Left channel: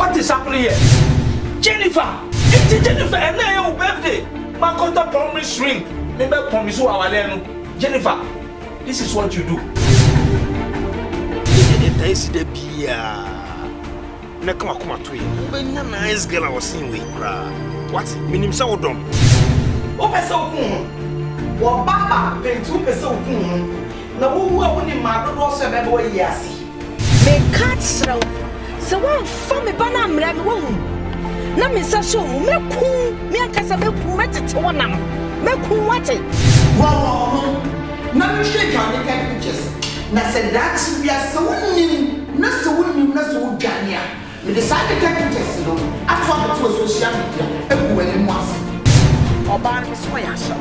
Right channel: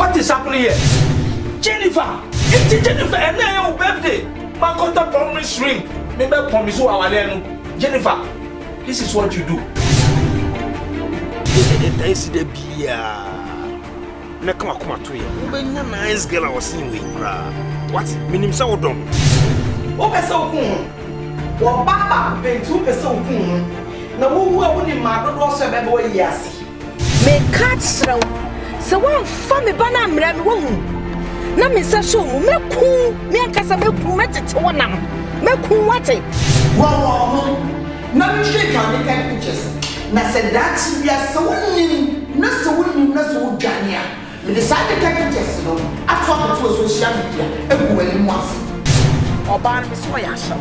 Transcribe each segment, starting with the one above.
What is happening here? Jennifer! It's Jennifer! And now your birthday! My contact promise ring. Maybe I promise you our Jennifer, this is what you do. It's the beer. Nakama to you. Nice girl I was seeing with. What? Minim Saudon. Oh, Peso Poon. Well, Papa, pay 2 Peso Poon. Now, who wouldn't in my daughter's boy, yes. May cats row. So one family banam ram womb. Namisa show, Meku, Miakasa met to one. Meku what it? Well, no shake on the pictures. Na said that we are so winning, not so winning, not so Jania. We decided to take pictures, no. I thought it was social media, and when once. Oban Miss Oyasha.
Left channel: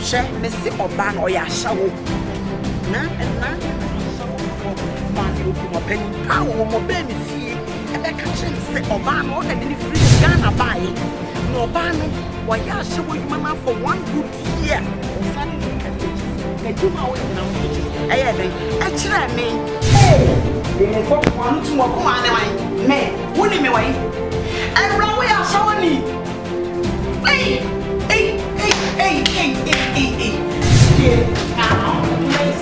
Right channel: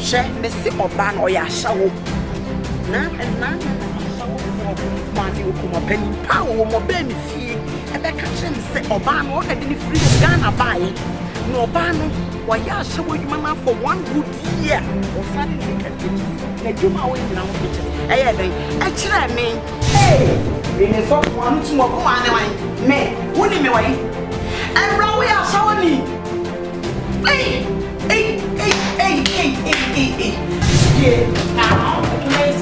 She Missy Oban Oyasha. Nan and nan man, you come up penny power, more baby fee, and I catch him say Oban or any free Ghana buy. No ban, why Yasha will you mamma for 1 good year? Or suddenly look at pictures. They do my way now pictures. Actually, me. Hey, they may fuck 1 to more come on, me, wouldn't me way. And run away, I'll show me. Hey. Yeah, now, and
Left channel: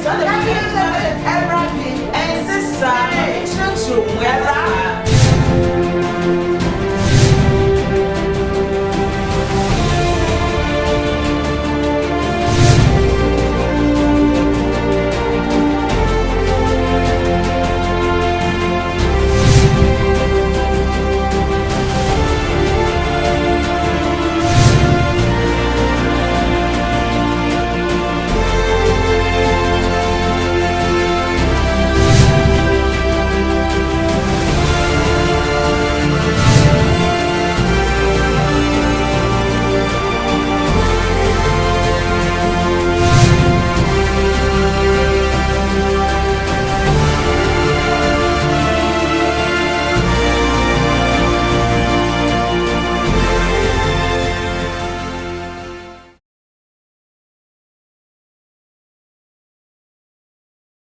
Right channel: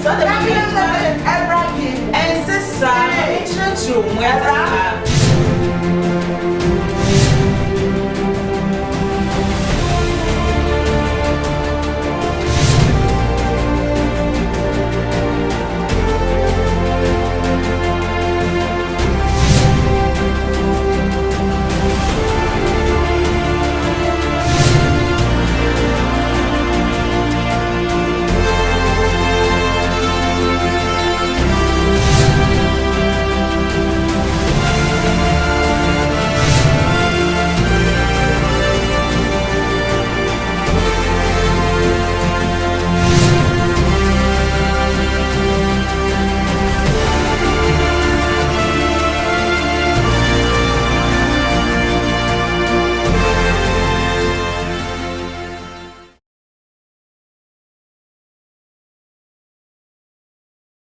sister,